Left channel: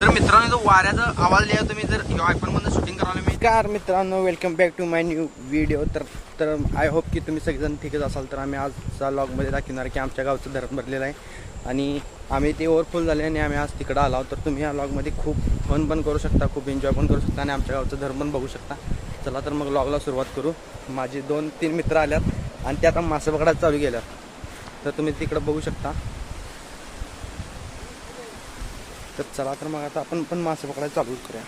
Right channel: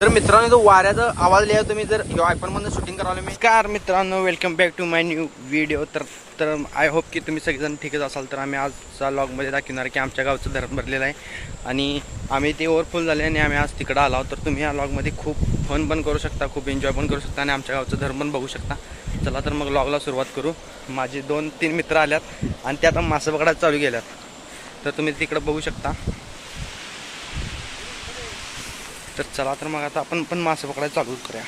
तर मित्रांनो जो वाऱ्याचा आवाज लिहा तुम्ही जर आयफोन मधून शूटिंग करायला मी कार मित्रांनो welcome back to my new video. तर आय होप की तुम्ही सगळेजण ठीकच असाल. तर आम्ही आजचा लॉगमध्ये दाखवणार की आमच्या गावचं धरण भरलेलं आहे आणि आम्ही ते ओव्हरफुल झाले आणि आम्ही आज तिकडं आलो. तर तुम्ही या लॉगमध्ये खूप फन पण करू शकता, खूप एन्जॉय पण करू शकता आणि आमच्या गावचं धरण पण बघू शकता. चला तर मग लॉगला सुरुवात करू. माझे 2-3 मित्र आल्यात आणि ते आता मासे पकडायला चालू केल्यात. तर तुम्ही तिकडं बघू शकता. तर चला तर मग आता आपण पण मासे पकडायला चालू करूया.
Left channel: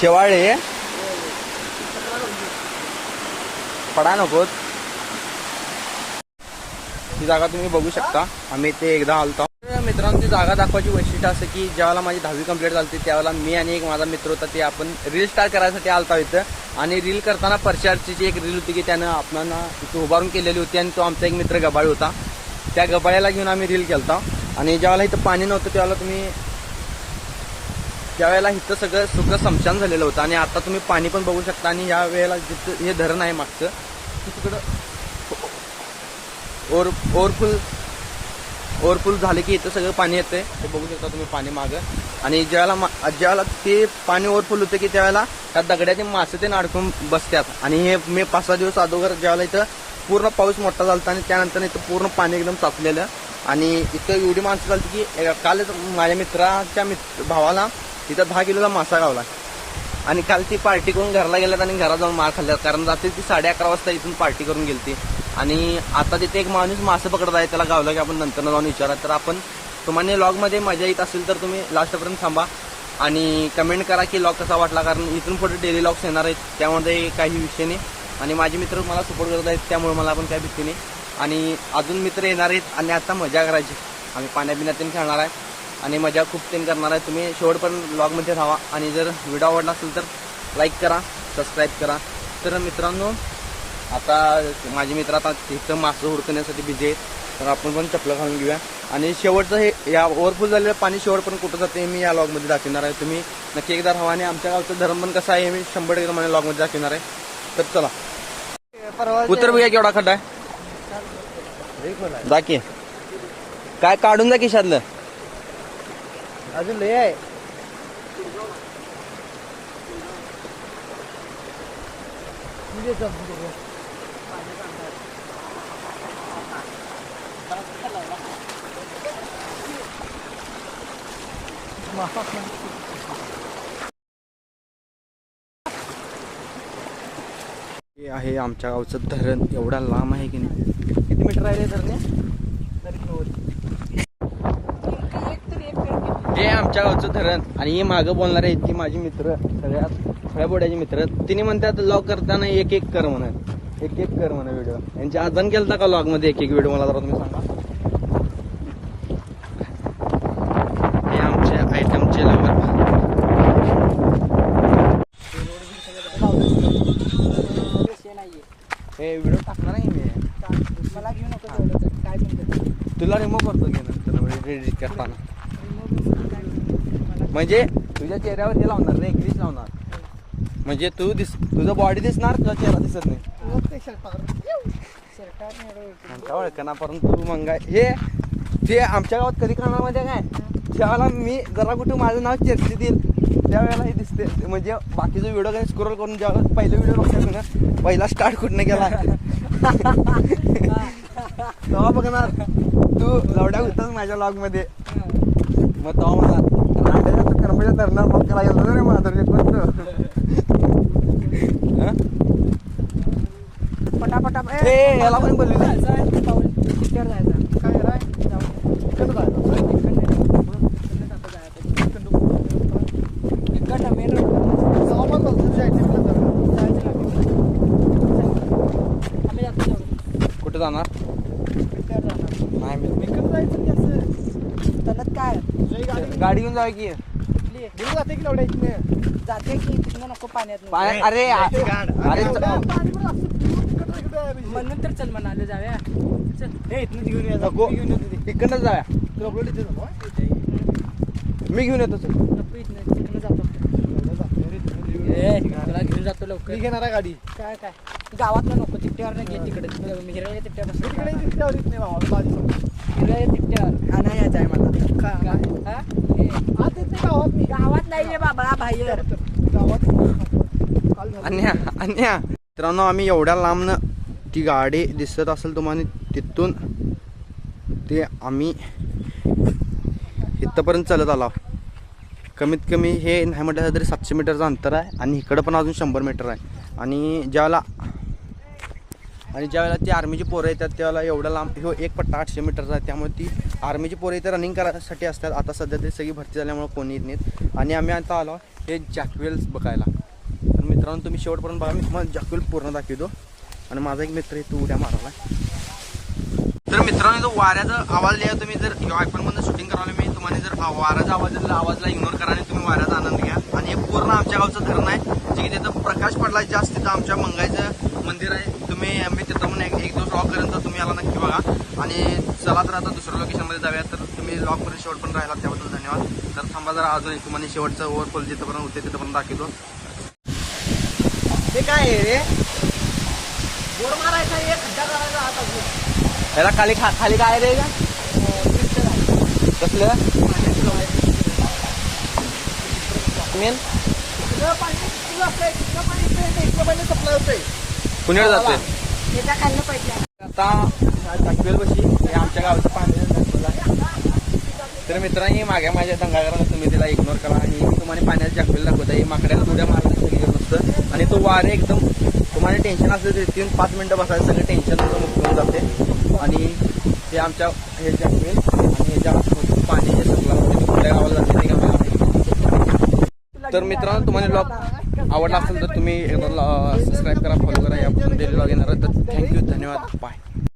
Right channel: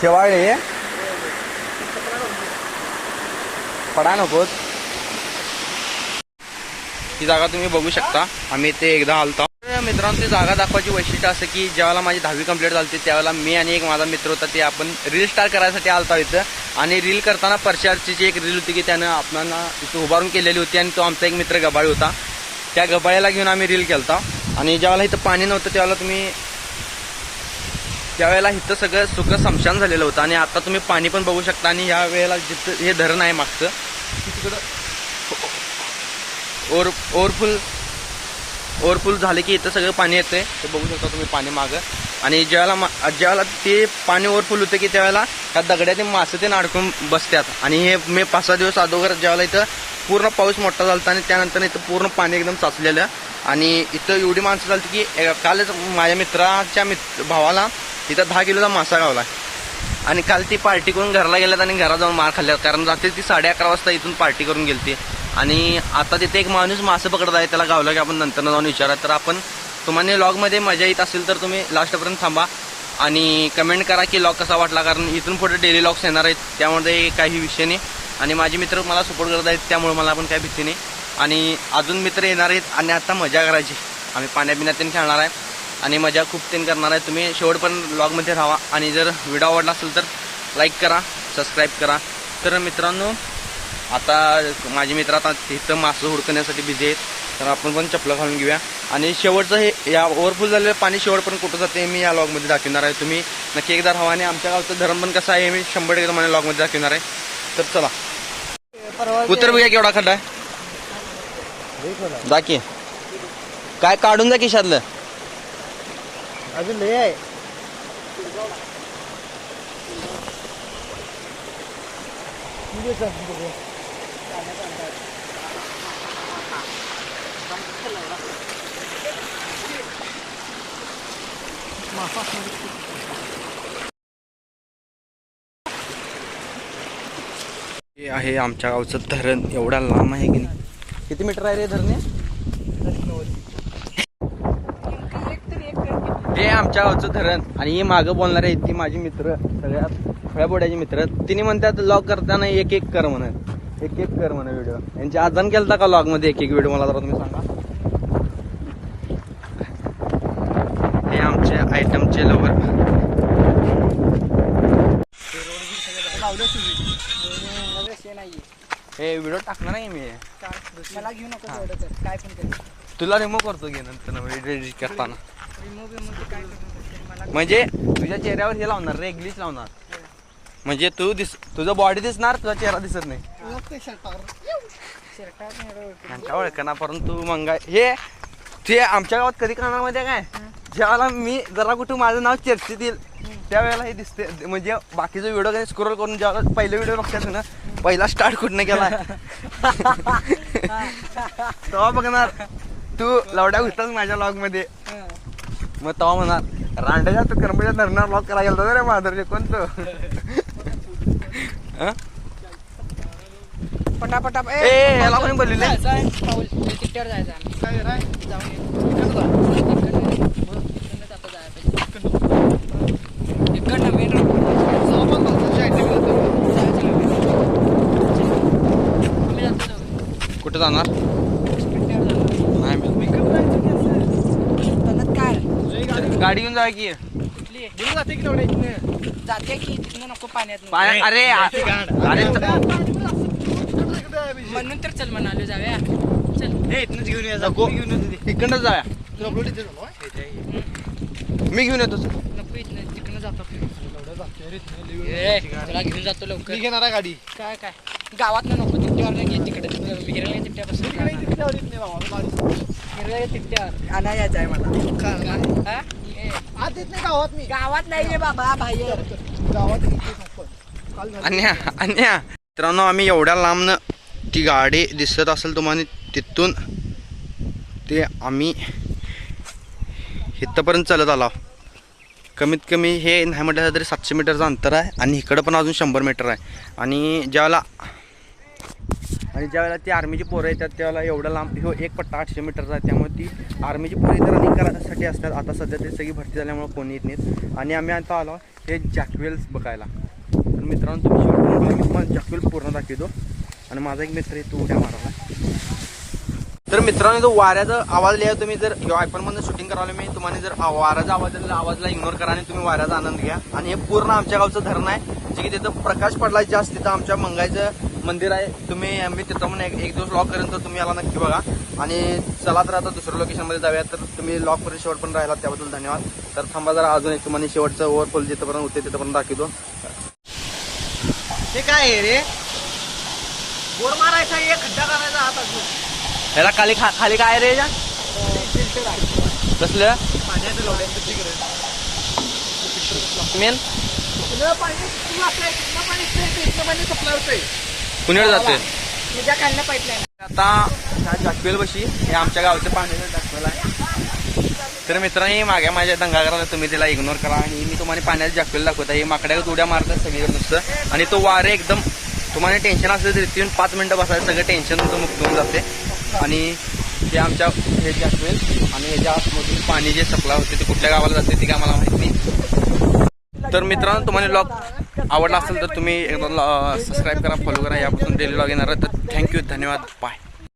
शेवाळे पडा नकोत. ही जागा तुम्ही बघू शकता. आम्ही ते एकदा आलतो. मित्रांनो ती जागा दाखवायची वैशिष्ट्य असं की ज्यावेळेला माझी 10वी कंप्लीट झाली त्यावेळेला मी आणि एक माझा मित्र होता ते आपण रील स्टार करायसाठी आलता इथं. आणि रील करताना परशाची एक रील होती की त्यानं आपणाला इथं उभारून केलेली होती आणि तो आमचा एक मित्र गबाळी होता. त्या गबाळ्याला घेऊन आम्ही रील केलता. आणि ज्यावेळेला इथं पाणी नव्हतं त्यावेळेला इथं सगळं सुकं समशान झालेलं होतं आणि आता तुम्ही पाणी पण बघू शकता. आणि या वेळेला जिथं हे धरण आहे मागचं तिकडं ओव्हरफुल झाले की इथं सगळं पाणी येते. ते बघू शकता तुम्ही पाणी मागं. आणि ज्यावेळेला ते पाणी ओव्हरफुल होतं की त्यावेळेला ह्या दगड्याचे मासे ते अडकून बसतात. आणि हे मी 5-6 दिवस अगोदर ज्यावेळेला इथं पूर्ण पाऊस मोठा झाला आणि त्यानंतर इथं पूर्ण पाणी एकदम साचलेलं. आणि इथं एवढी माणसं झाली की कालच माझ्या मित्राच्या भावाला इथं 10 किलोचा मासा गावला. आणि काल ती पार्टी करून घराला गेल्यात आणि घरात जाऊन मार खाल्ल्यात. कारण रात्री ती 11:30 वाजता इथून पार्टी करून गेलती. आणि आता तिथे एक माणूस मासे पकडत आहे. त्याला गावला की आपण नंतर जाऊन विचारा. तर आपण तुम्हाला लॉगमध्ये मजा येत असेल तर तुम्ही लास्टपर्यंत थांबा आणि कमेंट करा की लॉग कसा वाटला. कारण इथून पुढे डेली लॉग्स येणार आहेत त्यामध्ये काही विषय नाही. आणि माझे मित्र मला सपोर्ट करत आहेत त्यामुळे मला पण काही भीती नाही. आणि अजून मित्र येणार आहेत आणि आता मजा करायची. आम्ही पाण्याबिण्यात खेळणार आहे आणि मजा खूप करणार आहे. तुम्ही शेवटपर्यंत लॉगमध्ये राहा. आणि जर व्हिडिओ आवडला असेल तर लाईक करा, सबस्क्राईब करा. तर मित्रांनो आता माझे मित्र आता तिथं मासं हुडकण्यासाठी बिझी आहेत. तर आपण पण चपला घालून घेऊया. आणि शेवटचं हे या ओव्हरफुल झालेलं पाणी शेवटपर्यंत कुठं जाते मी या लॉगमध्ये दाखवणार आहे. तुम्ही नक्की एकदा राहा. आणि आमच्या गावचं धरण पण कसं आहे मी 100% तुम्हाला लॉगमध्ये दाखवणार आहे. तर चला उतर बघूया केवढा खड्डा आहे. दाखी काय काढून जा खिशातलं. अजून लय आहे. हे आहे आमच्या गावचं धरण. एवढा लांब आहे की नाही. किती मीटर आहे रे धरणे. हे आमच्या गावचं धरण. आणि हे मागं बोलणारे ती माझी मित्र सगळ्यात खळ्यापोड्याचे मित्र. तिने म्हणतात लॉग करताना एक कर म्हणा व्हिडिओ. यांची आदान केलता का लॉग मध्ये एक व्हिडिओ मला जरा तुम्ही सांगा. हे आमचे आयटमचे लवर. हे व्हिडिओ टाकणार नाही मी. तुला रिमूव्ह करतो घे नंतर एडिट करताना. म्हणजे तुझ्या चेहऱ्यावर हे लावणार रे ग्लिच लावणार. म्हणजे तुझं बॉडी दिसणार तुझा चेहरा दिसत नाही. ओळखना परंतु मग हे ते आमच्या गावात कधी करणार म्हणजे काय ज्यावेळेला मी जरा कुठं माझं नाव चर्चेत येईल त्यावेळेला हे दिसते. म्हणजे बाकीचा व्हिडिओ काही स्क्रोल करून ज्यावेळेला पहिला व्हिडिओ बघतास ना पहिला स्टार्ट कुठनं केला तेव्हा बघणार तू लवड्या घुसतास माझ्या लॉग मध्ये. मग तेव्हा म्हणणार रांड्याच्या तू कर्मच्या धरणार लॉग करायला गेला रे माझं कोणतं. पटापटा याला पण बोललेले कुठे जाणार नाही. गाडी घेऊन जा की जाते की जाते की तिथनं नको पाण्यात. अरे म्हणून तर चल म्हणाले जाऊया. चल इकडनं जाऊया. मी घेऊन येतो सर. नको इथनं तिकडनं जातो तुला घेऊन जातो लवकर. मी घेणार आहे गाडी. काय गावात नको तिकट्यावर नाही तिकडे हिराला तिकट्या बस हिराला तिकट्या हा नाही यायचं आहे मला. गावात नाही रे बाबा बाहेर गावात अन्या मित्रांनो, आम्ही एवढ्या लांबनं ती गाडी दिसत असेल तुम्हाला, तिथून ते आम्ही इथंपर्यंत चालत आलो. कमीत कमी हे नाही म्हटलं तरी 700 मीटरचं अंतर आहे आणि इकडं पण अजून 100 मीटर आहे. आणि ज्यावेळेला ती आर्मीची पोरं येतात त्यावेळेला एवढा लांब ह्यो एक पट्टा 800 मीटरचा आहे. त्यामुळे ती आर्मीची पोरं इथं रनिंग करायसाठी असतात. आता सध्या ते सगळी भरती झाल्यामुळे कोणी येत नाहीत. आणि आम्ही आता आलो हे जॅकवेल्स बघायला. तर मित्रांनो, तुम्ही शेवट बघा, मी तुम्हाला जॅकवेल पूर्ण दाखवतो. आणि माझा एक मित्र इथं उड्या मारायला. तर मित्रांनो, जो वाऱ्याचा आवाज लिहा, तुम्ही जर आयफोनमधून शूटिंग करायला मी तुम्हाला जर वाऱ्याचा आवाजला इग्नोर करा आणि तुम्ही वाऱ्याचा आनंद घ्या. आणि हे पूर्ण आमच्या गावचं धरण आहे, जे की तिथं प्रकाश पडला जास्त. तिथं आमच्या मंगाईचं मंदिर आहे. मी तिथं म्हणून एक दिवस लॉक करेन, तर तुम्ही याला नक्की बघा. आणि चला तर आता दुसऱ्या लोकेशनमध्ये जाऊया. तर तुम्ही लॉक करून शेवट पण राहिला त्याबद्दल धन्यवाद. तर थांबा जरा अजून एक तुम्हाला शेवटचं ओव्हरफॉल जिथंपर्यंत होते तिथंपर्यंत दाखवतो. ते काय आहे रे, बोर मारायचा एक खड्डा करायचा हात अजून ह्याला खाली काय रे कसलं मेन कुणीकडे जाते आता जॅकवेल बशी. हे आमच्या गावाचं पाणी जॅकवेल आहे. तर मित्रांनी मागे माझ्या दंगा करायला तुम्ही तिला इग्नोर करा. आणि मी तुम्हाला पाण्यात जॅकवेल दाखवत आहे. माकड्याला उड्या मारतात सगळीकडे नुसतं. आणि तो वारे एकदम तुम्हाला टेन्शन असलं तरी तिथून 5 मिनिटं बसायचं, सगळं टेन्शन तुमचं मुक्त होऊन जाते. आणि हे आमच्या हे जॅकवेल आणि याच्या पाणी जे सप्ला होते ते कुठल्या गावाला जाते ते काय मला माहिती नाही. तर मित्रांनो, तुम्हाला ब्लॉग आवडला असेल तर तुम्ही एकदा सबस्क्राईब करा, फॉलो करा. यापासून डेली ब्लॉग येणार आहे. तर थँक्यू, धन्यवाद, बाय.